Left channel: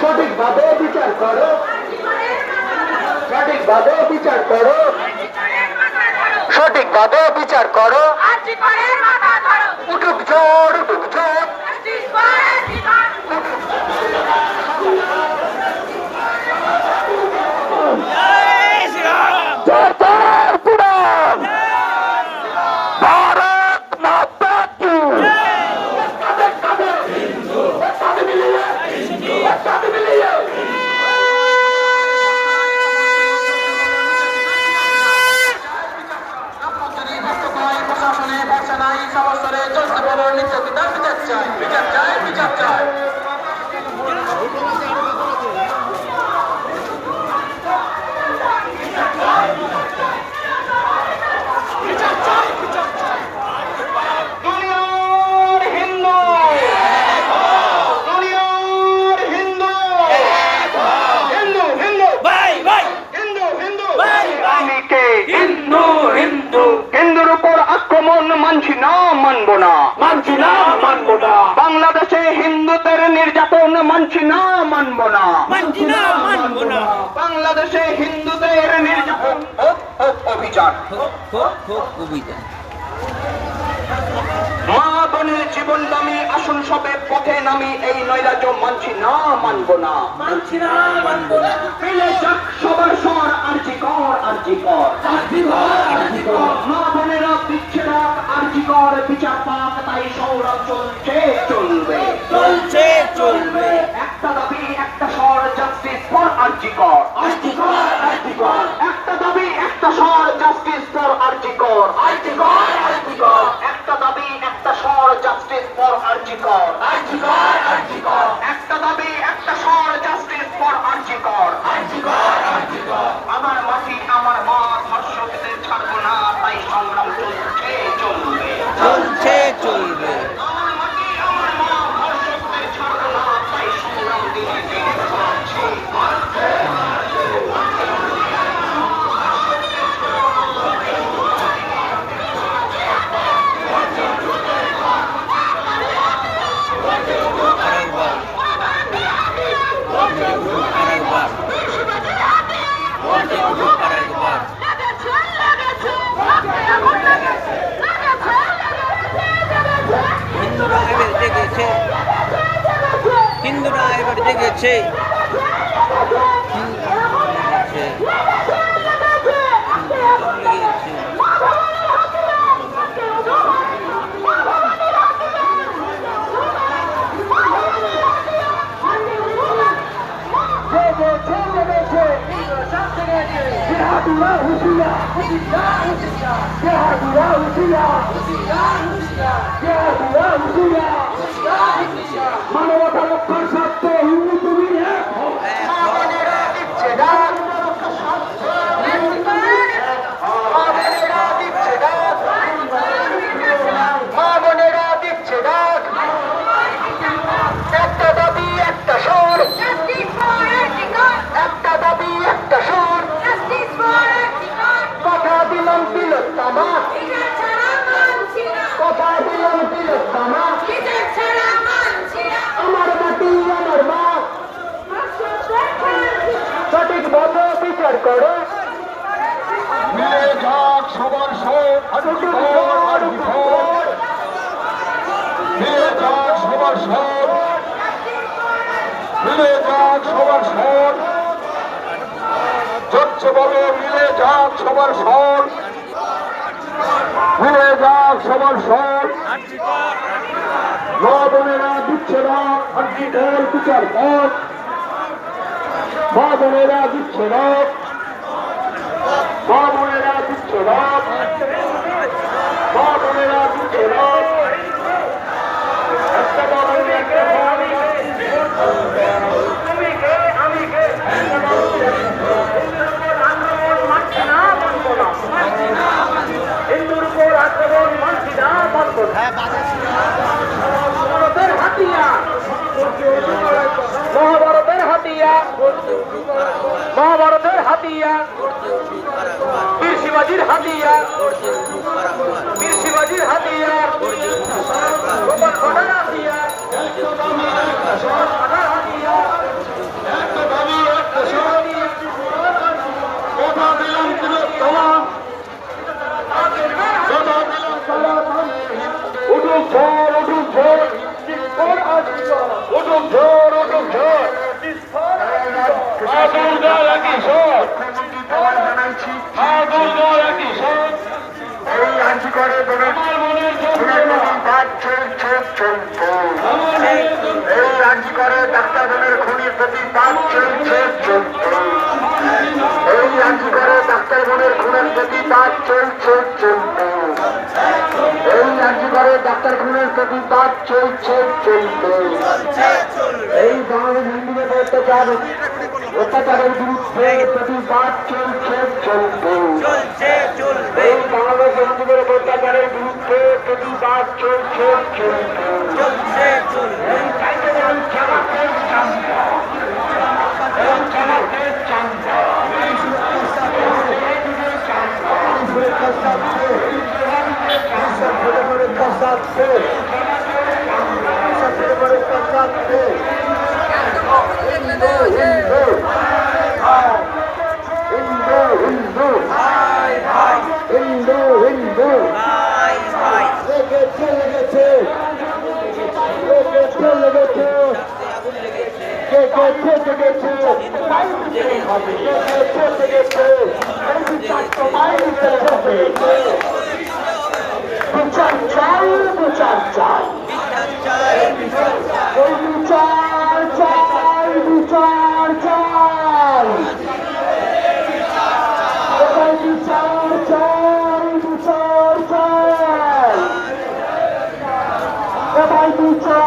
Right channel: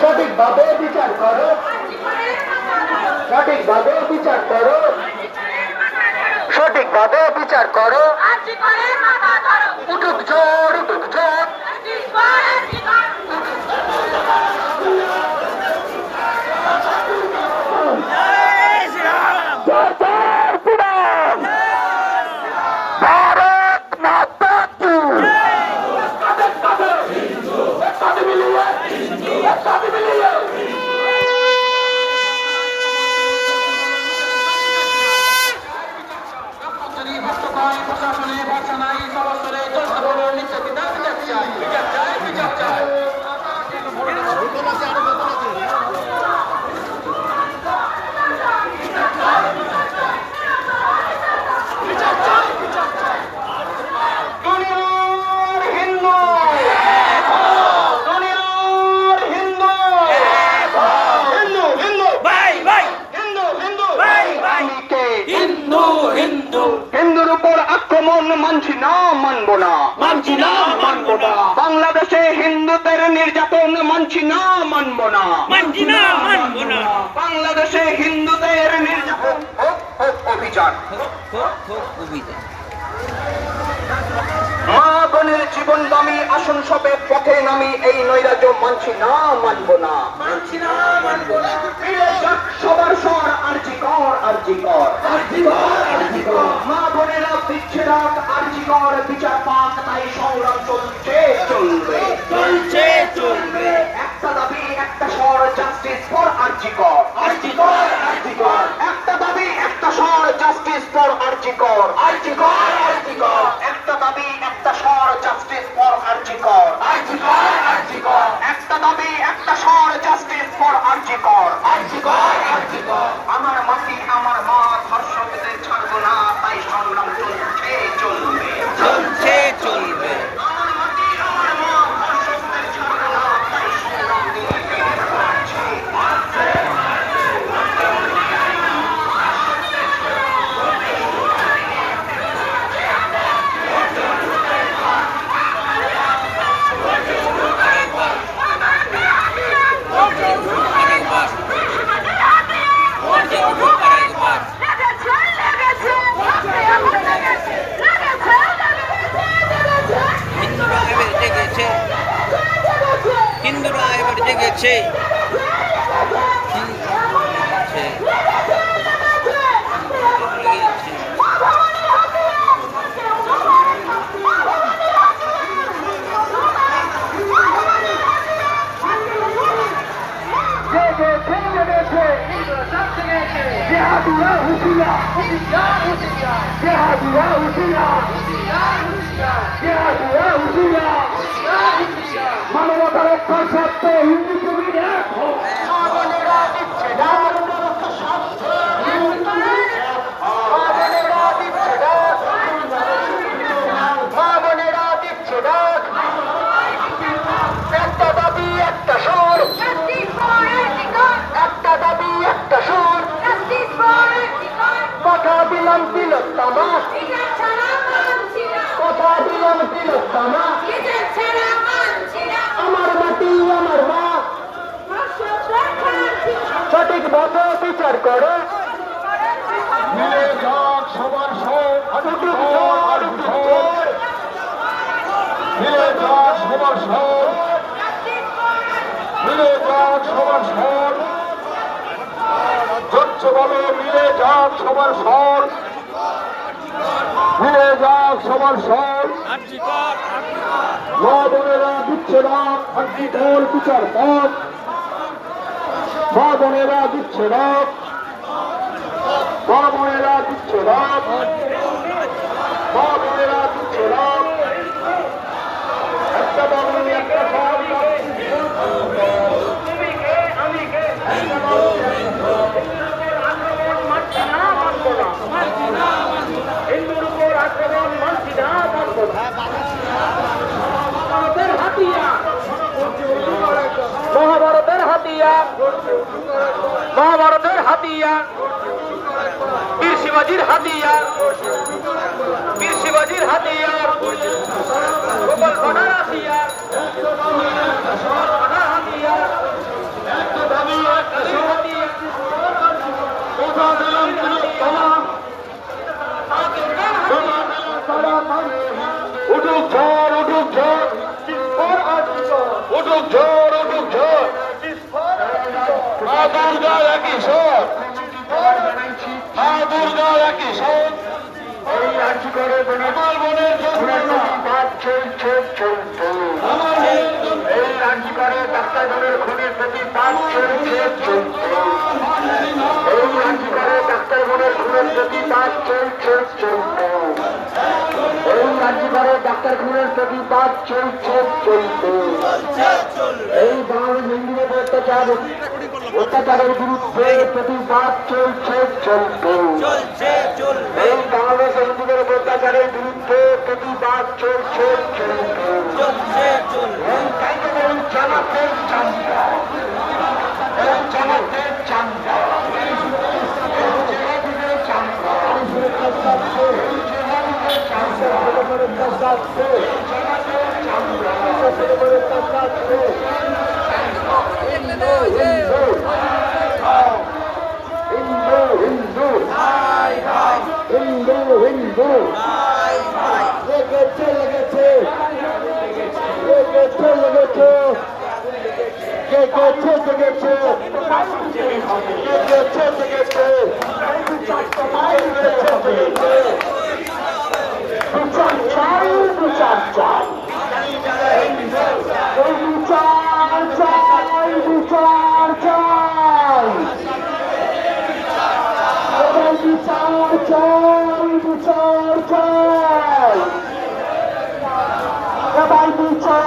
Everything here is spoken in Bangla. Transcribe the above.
সঠিকভাবে বিচার করো। সঠিকভাবে বিচার করো। সঠিকভাবে বিচার করো। উঠুক জোর। চলতে বলো নির্যাতিতার বিচার চাই বিচার চাই বিচার চাই। মানছি না মানব না। মানছি না মানব না। বাংলাদেশে হিন্দুদের নির্যাতন মানছি না মানব না। মানছি না মানব না। বাংলাদেশে হিন্দুদের নির্যাতন অভিযান। মা বোনের জীবন দামি আসন সবে পথে নামি এই নৈরাজ্য মানছি না মানব না। মানছি না মানব না। সবার সর আরজি কর আরজি কর। আরজি কর আরজি কর। দিচ্ছে আরজিকর আরজি বিচার পাক তাই সংগ্রাম চলছে চলবে? চলছে? চলবে। একটা দাবি একটা স্বর জাস্টিস ফর আরজিকর আরজিকর আরজি কর, আরজি কর একটা দাবি একটা স্বর জাস্টিস ফর আরজি কর আরজি কর আরজি কর একটা দাবি একটা স্বর জাস্টিস ফর আরজি কর আরজি কর আরজি কর একটা দাবি একটা স্বর জাস্টিস ফর আরজি কর আরজি কর আরজি কর আমার মাটি আমার মা ধর্ষকদের ছাড়বো না তাই সংগ্রাম চলছে চলবে চলছে চলবে আমার মাটি আমার মা ধর্ষকদের ছাড়বো না তাই সংগ্রাম দিয়ে চলছে আরেকবার আরেকবার ভোটে উঠুক আরেকবার লেগেছে লেগেছে ভক্তি এখন লেগেছে লেগেছে লেগেছে হিন্দুরা এবার জেগেছে। হিন্দুরা এবার জেগেছে হিন্দুরা জেগেছে লেগেছে জেগেছে জেগেছে জেহাদুরা হুশিয়া জেহাদুরা হুশিয়া জেহাদুরা হুশিয়া মানবতা রক্ষার স্বার্থে মিলে যাক সবার সব মিলে বলো মিলে যাক সবার সব মিলে যাক সবার সব দিচ্ছে না আর্জিকর বিচার পথ মা-বোনেরা দিচ্ছে না মা-বোনেরা দিচ্ছে না আক্রমণ মানছি না মানবো না হিন্দুর উপর আক্রমণ মানছি না মানবো না মহাভারতের হাতিয়া মহাভারতের হাতিয়া মহাভারতের হাতিয়া বীর শিবাজির হাতিয়ার। বীর শিবাজির হাতিয়ার। গোপাল ভাড়ার হাতিয়ার। উঠুক ঝড় উঠুক ঝড়। উঠুক ঝড় উঠুক ঝড়। মা দুর্গা একই স্বর করে এই আর্জি করে ডাক্তারগণের খুনির প্রতিবাদ চলছে চলছে এই আর্জি করে ডাক্তারগণের খুনের প্রতিবাদ চলছে চলছে এই আর্জি করে ডাক্তার খুনের প্রতিবাদ চলছে চলছে এই অত্যাচার অত্যাচারের বিরুদ্ধে প্রতিবাদ চলছে চলছে এই বাংলাদেশ হিন্দুদের অত্যাচারের বিরুদ্ধে প্রতিবাদ চলছে চলছে এই কার্যক্রম চালাতে হিন্দু হিন্দু হিন্দু হিন্দু হিন্দু হিন্দু লেগেছে লেগেছে লেগেছে লেগেছে লেগেছে লেগেছে লেগেছে লেগেছে বিচার চাই বিচার চাই